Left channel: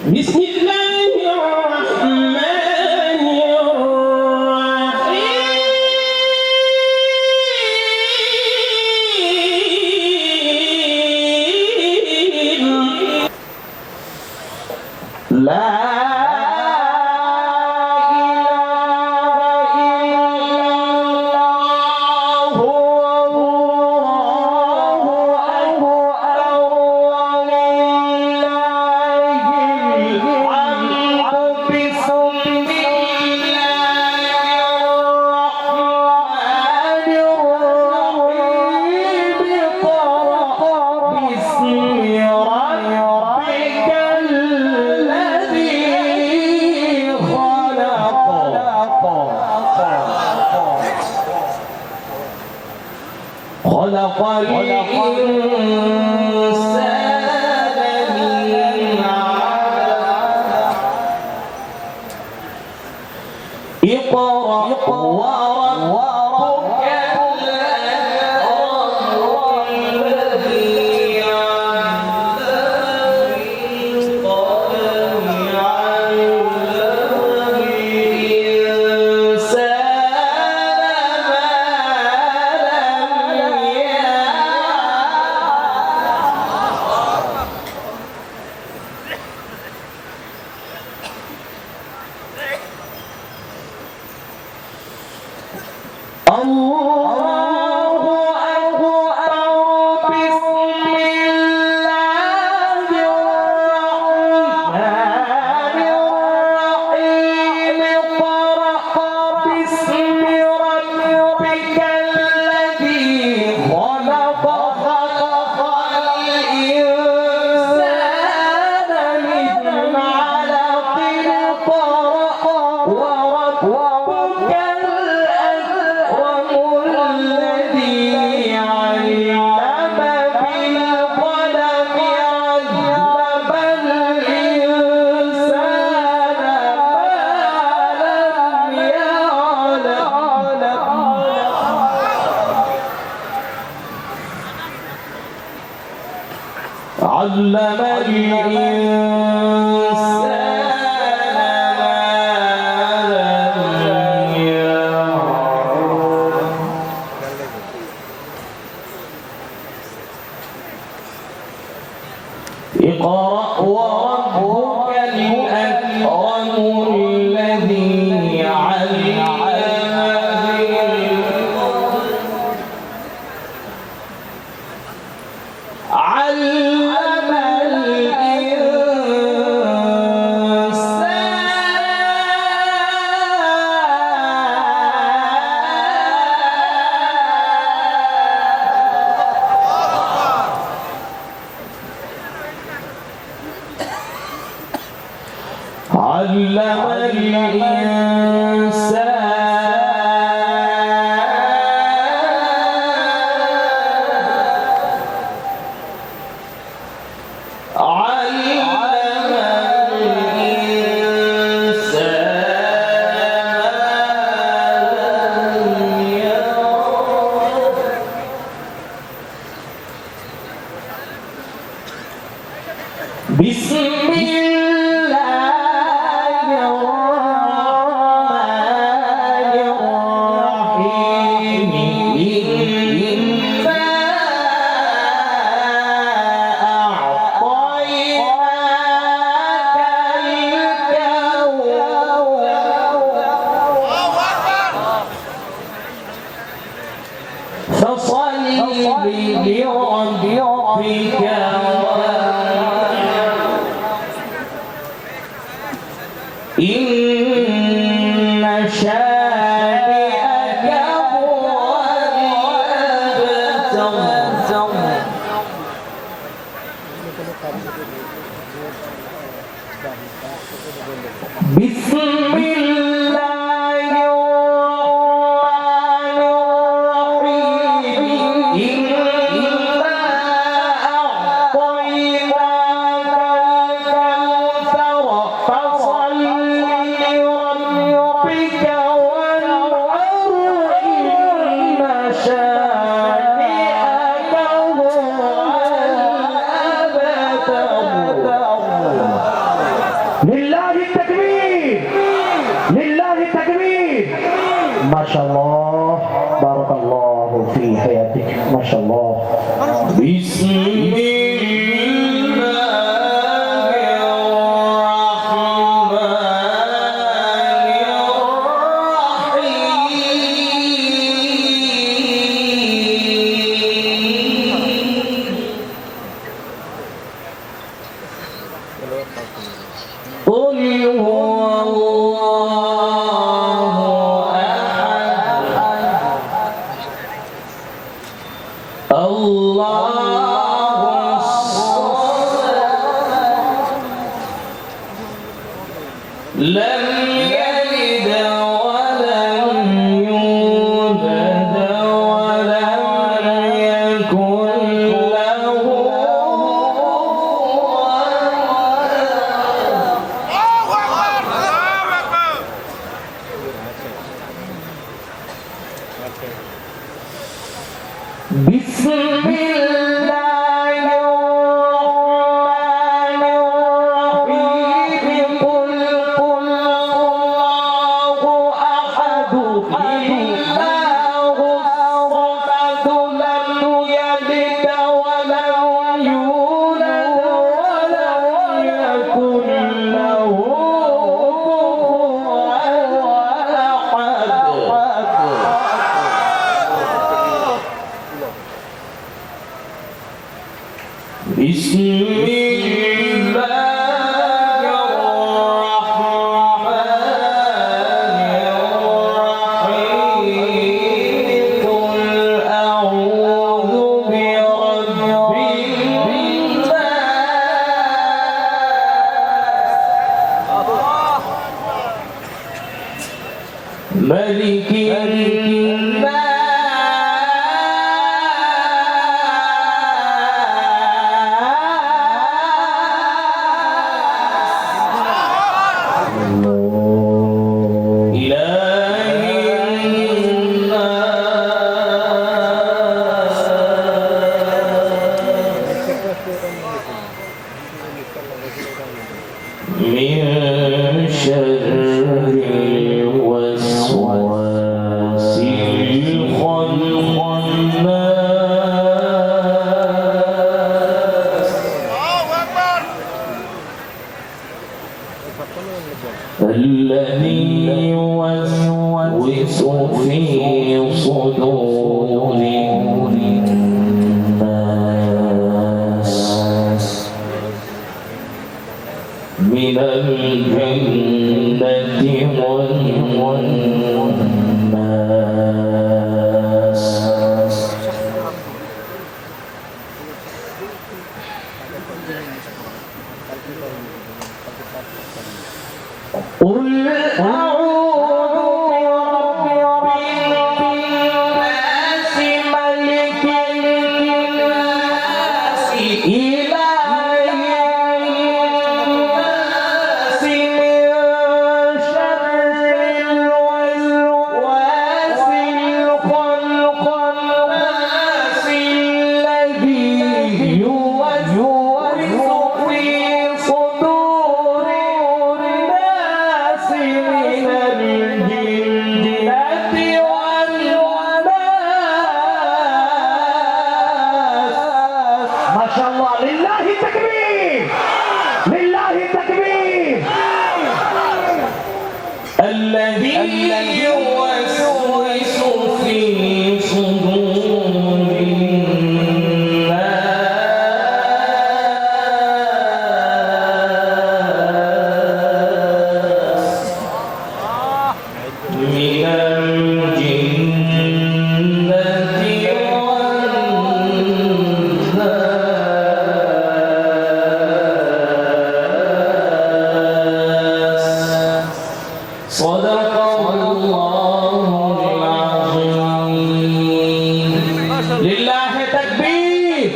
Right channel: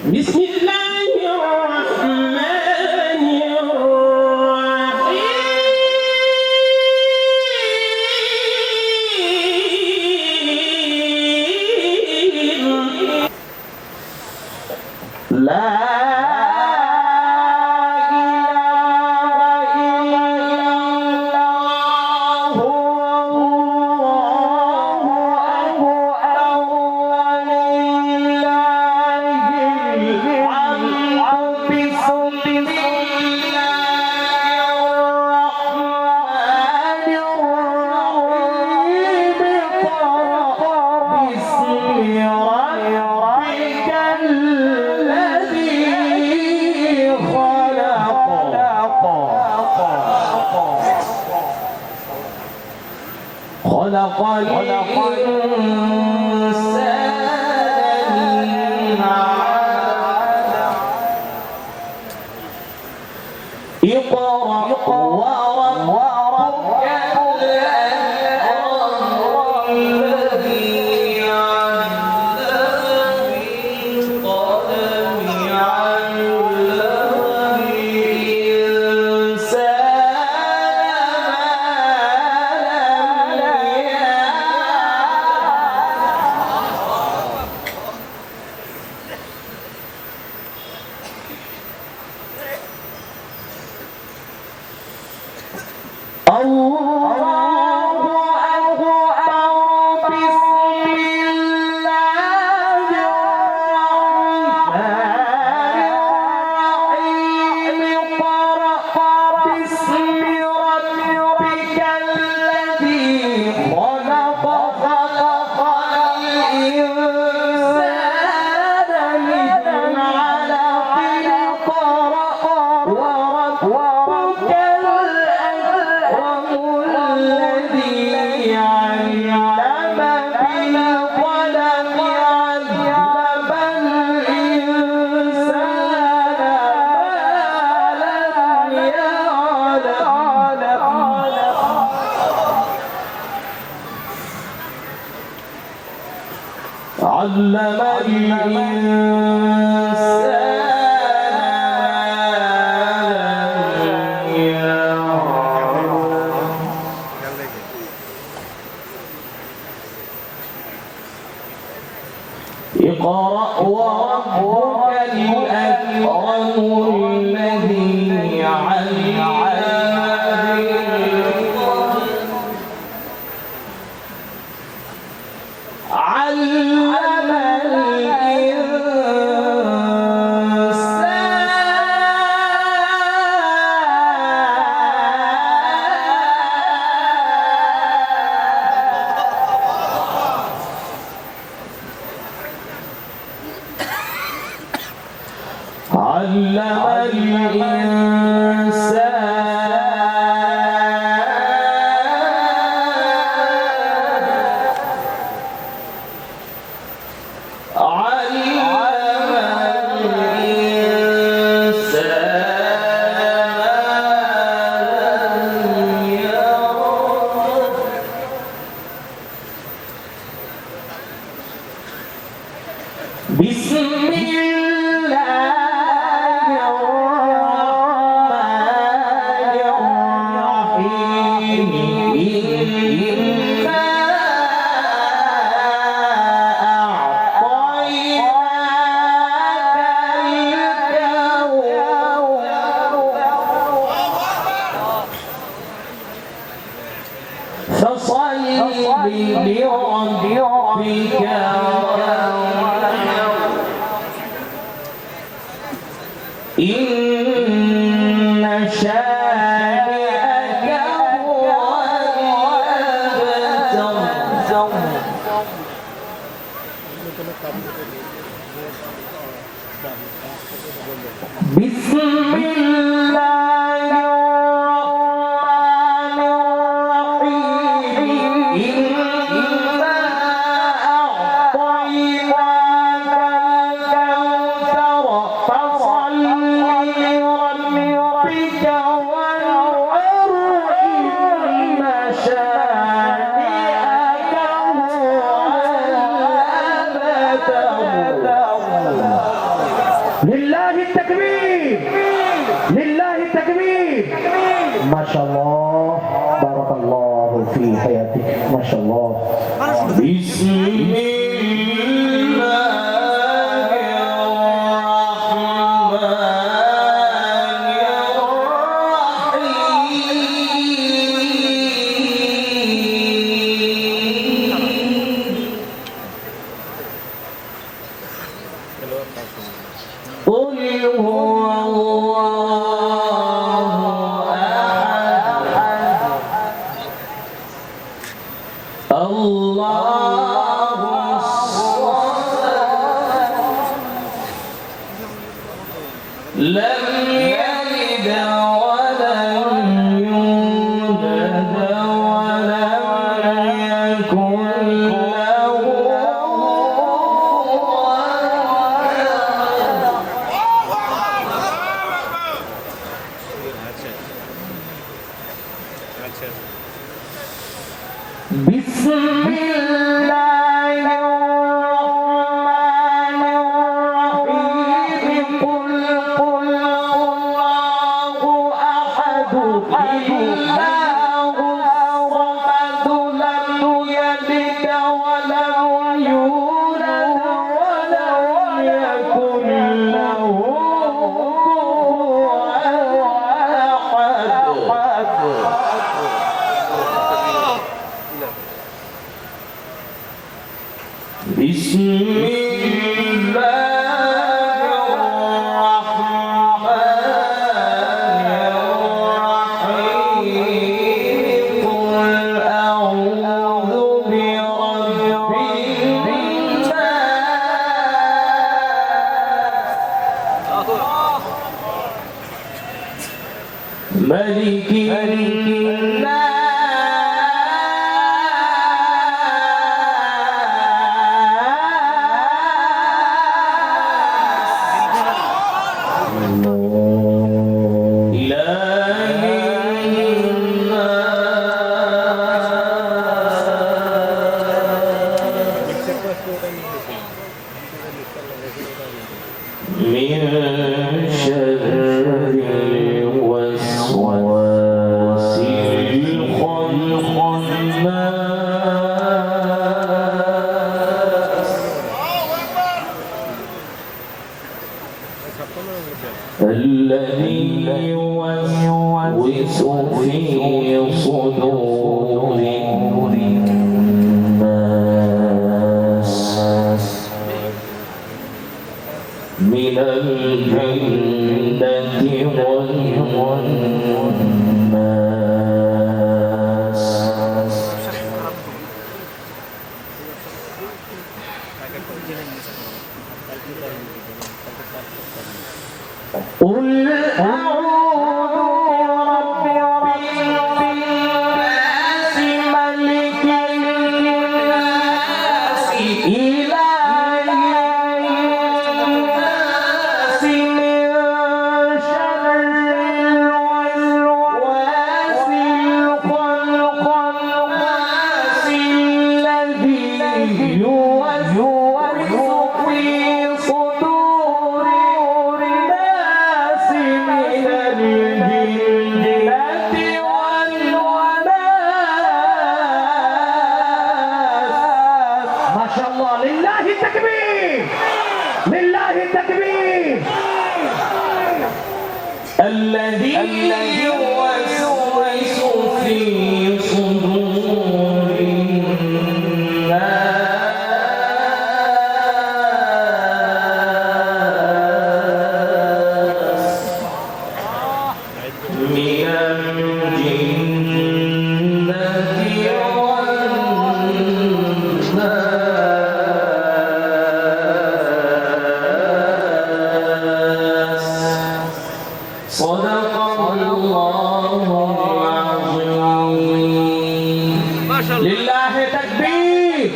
بسم الله الرحمن الرحيم لا خلق الإنسان من علق اقرأ وربك الأكرم الذي علم بالقلم علم اقرأ وربك الأكرم الذي علم লিল্লাহি তাকবীর, লিল্লাহি তাকবীর। মাশাআল্লাহ, বারাকাল্লাহু ফি হায়াতিক, মাশাআল্লাহ। لم يلد ولم يولد ولم يكن له بسم الله الرحمن الرحيم قل الله أحد الله الصمد لم يلد ولم يولد ولم يكن له كفوا أحد بسم الله الرحمن الرحيم قل أعوذ برب الناس ملك من شر الوسواس الخناس الذي يوسوس في صدور الناس من الجنة والناس قل أعوذ برب الناس ملك الناس إله الناس من شر الوسواس الخناس الذي يوسوس في صدور الناس من الجنة والناس. ما شاء الله، لله تكبير، لله تكبير. الذي يوسوس في صدور الناس من الجنة والناس. صدق الله العظيم. لله تكبير।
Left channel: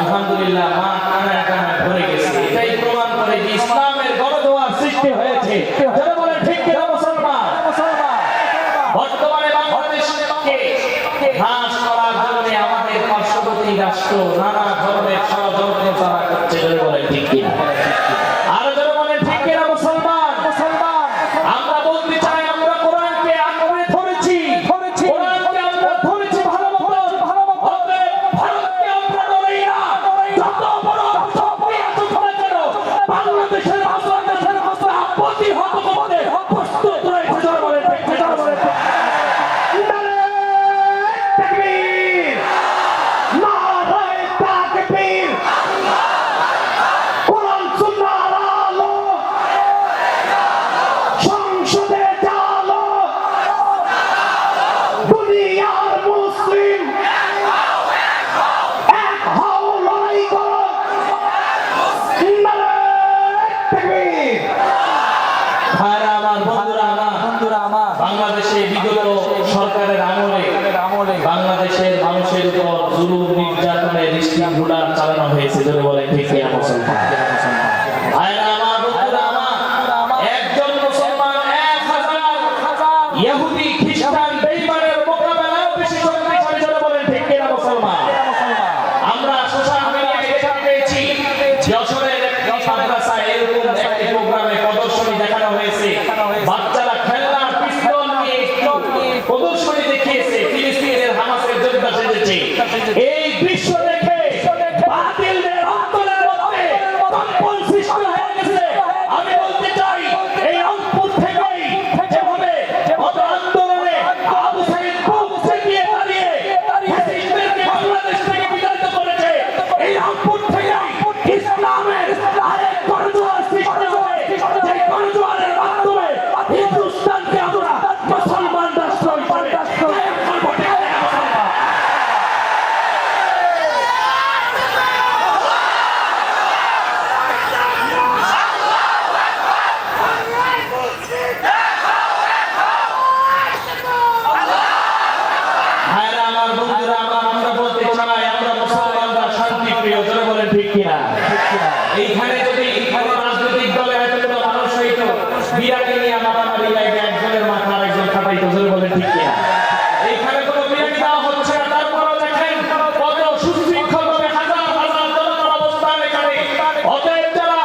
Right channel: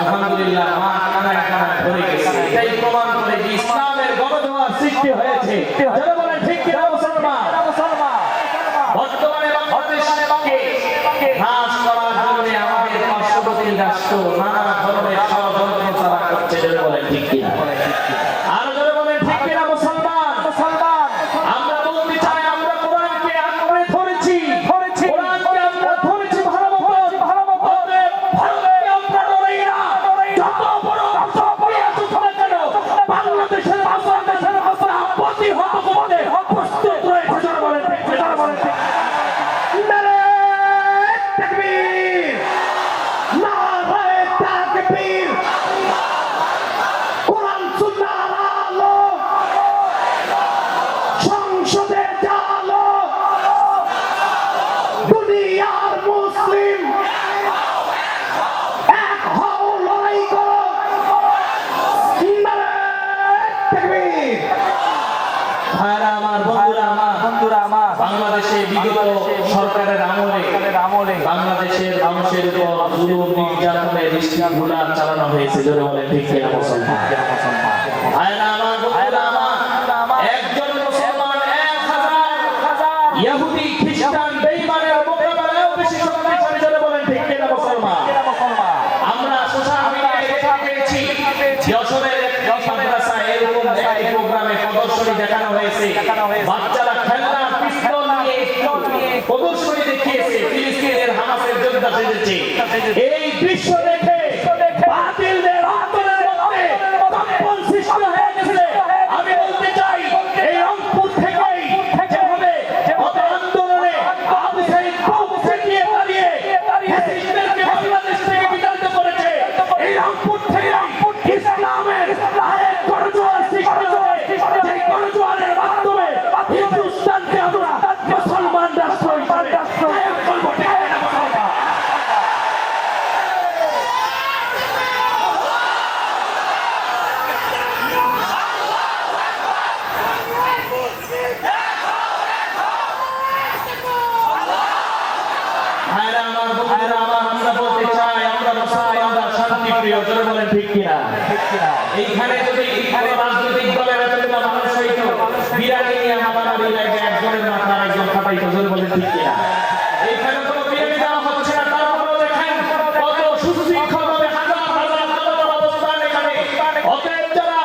আলহামদুলিল্লাহ, মাঠ কানায় কানায় ভরে গেছে। এটাই প্রমাণ করে যে ইসলামের গণদোয়ার সৃষ্টি হয়েছে। যারা বলেন ঠিক কিনা মুসলমান? বর্তমানে বাংলাদেশকে হ্রাস করার জন্য আমাদের পার্শ্ববর্তী রাষ্ট্র নানা ধরনের ষড়যন্ত্র তারা করছে। যারা বলেন ঠিক কিনা? আর জোরে বলেন ঠিক কিনা মুসলমান? ভাইরা আমার, বন্ধুরা আমার, একজন মুসলমান 1000 ইহুদি খ্রিস্টান বেঈমানের মোকাবেলায় বেশি শক্তিশালী, জোরে বলেন ঠিক কিনা মুসলমান? আমরা সোশ্যাল মিডিয়ায় দেখতে পেয়েছি যশোরের একটি মাদ্রাসায় এরকম একটি প্রোগ্রামে প্রদর্শনী দেখানো হয়েছে। বাচ্চারা খেলনার পিস্তল নিয়ে প্রদর্শনী দেখিয়েছে, ফিলিস্তিনের হামাসের যোদ্ধা সেজেছে। এই দৃশ্য দেখে বাতিলদের অন্তরের মধ্যে কম্পন সৃষ্টি হয়ে গেছে। আমি বলতে চাই, এই রংপুর থেকেই যেভাবে গত আন্দোলনে আবু সাঈদ বুক চেপিয়ে দাঁড়িয়ে ফ্যাসিস্টদেরকে বাংলাদেশ থেকে বিতাড়িত করেছে, এই রংপুর থেকে ইসলামের আরেক গণজোয়ার সৃষ্টি হবে। যে গণজোয়ারের মাধ্যমে হিন্দুস্তানকে আমরা মুসলমান রাষ্ট্র হিসাবে কায়েম করব। ঠিক আছে না মুসলমান? ভাইরা আমার, বন্ধুরা আমার, আমরা বলতে চাই আমরা মুসলমানরা শান্তিপ্রিয়, জোরে বলেন ঠিক কিনা? এইখানে যদি কোনো রাজনৈতিক দলের এতগুলো মানুষ হইতো, বিরাটি নিয়ে মারামারি লাগে, একজনের মাথা আরেকজন ফাটাইতো, জোরে বলেন ঠিক কিনা? এইখানে কোনো বিরাটি দেওয়া হচ্ছে না, তারপরেও দেখেন কত সুশৃঙ্খলভাবে হাজার হাজার জনতার অবস্থান এখানে। অতএব যারা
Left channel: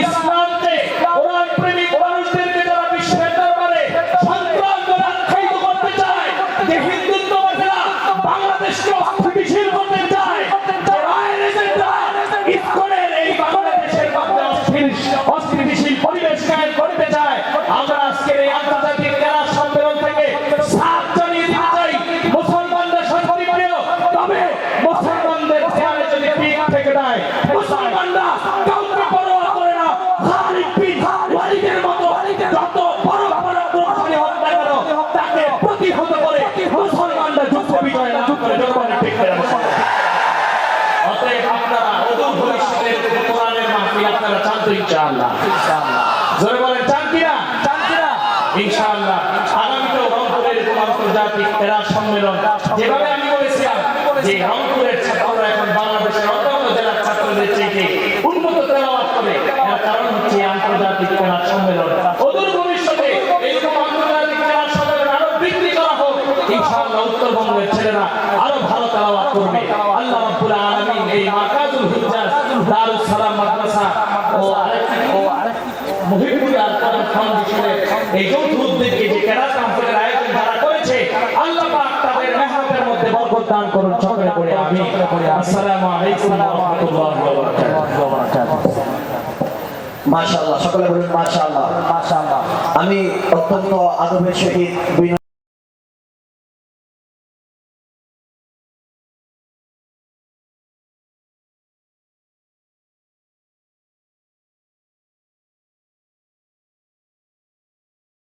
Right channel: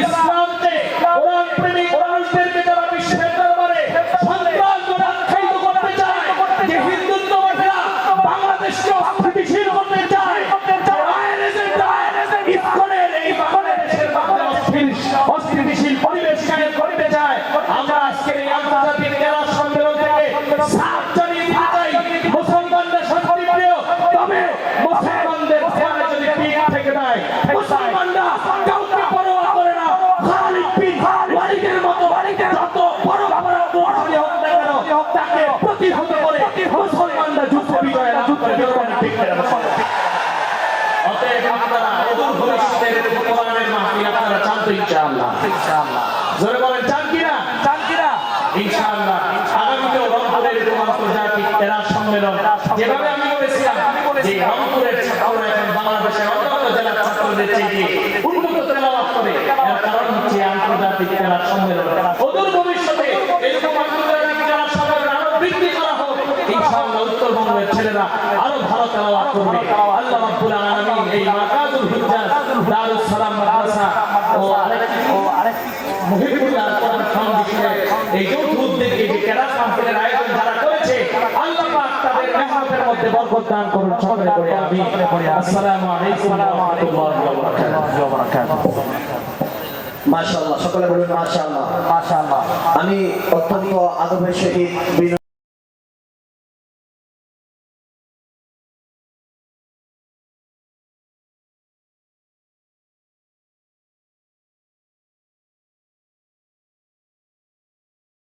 ইসলামকে, কোরআন প্রেমিক মানুষদেরকে যারা বিশ্বের দরবারে সন্ত্রাস বলে আখ্যায়িত করতে চায়, যে হিন্দুত্ববাদীরা বাংলাদেশকে অস্থিতিশীল করতে চায়, যে রায়ের এজেন্ডায় ইসকনের এই বাংলাদেশের মধ্যে অস্থিতিশীল পরিবেশ কায়েম করতে চায়, আমরা আজকের এই আন্তর্জাতিক জেলা সম্মেলন থেকে সাফ জানিয়ে দিতে চাই, মুসলমানদের শান্তিপ্রিয়, তবে মুসলমানদের দেয়ালে যদি পিঠ থেকে দেয়, মুসলমানরা কাউকে পরোয়া করে না। খালিদ বিন ওয়ালিদের মতো যত বড় বড় প্রতিশালী হোক না কেন, তাকে প্রতিহত করে মুসলমানরা যুদ্ধ বিজয় লাভ করে। ঠিক আছে? অতএব আপনারা অদূর ভবিষ্যতের কোরআনের মাহফিল আপনারা চান তো ইনশাআল্লাহ? জোরে বলেন চান কিনা? ইনশাআল্লাহ আগামীতেও রংপুরের এরকম আন্তর্জাতিক এরা সম্মেলন, যেভাবে আমি বলেছিলাম যে রংপুরের ছাত্ররা এখন বাংলাদেশের অন্যান্য জেলার ছাত্রদের চেয়ে উন্নত তেলাওয়াত করে, এর কারণ হচ্ছে আন্তর্জাতিক জেলা সম্মেলন। অদূর ভবিষ্যতে এরকম আন্তর্জাতিক জেলা সম্মেলন আরো বৃদ্ধি করা হোক, ইনশাআল্লাহ উত্তরবঙ্গের ছেলেরা আরো ভালো তেলাওয়াত করবে। আল্লাহ রাব্বুল আলামিন এই মাকাতুল হুজ্জাজ দারুস সালাম মাদ্রাসা ও মুহিবুল্লাহ কোরআন ফাউন্ডেশনের এই যৌথ উদ্যোগে যে কেরাত মাহফিলের আয়োজন যারা করেছে, আল্লাহ পাক তাদের মেহনতের মধ্যে বরকত দান করুন। সকলে পড়ে আমিন। আসসালামু আলাইকুম ওয়া রাহমাতুল্লাহি ওয়া বারাকাতুহু। মাশাআল্লাহ, সকলে বলুন মাশাআল্লাহ। আমি অত্যন্ত আদবের সহিত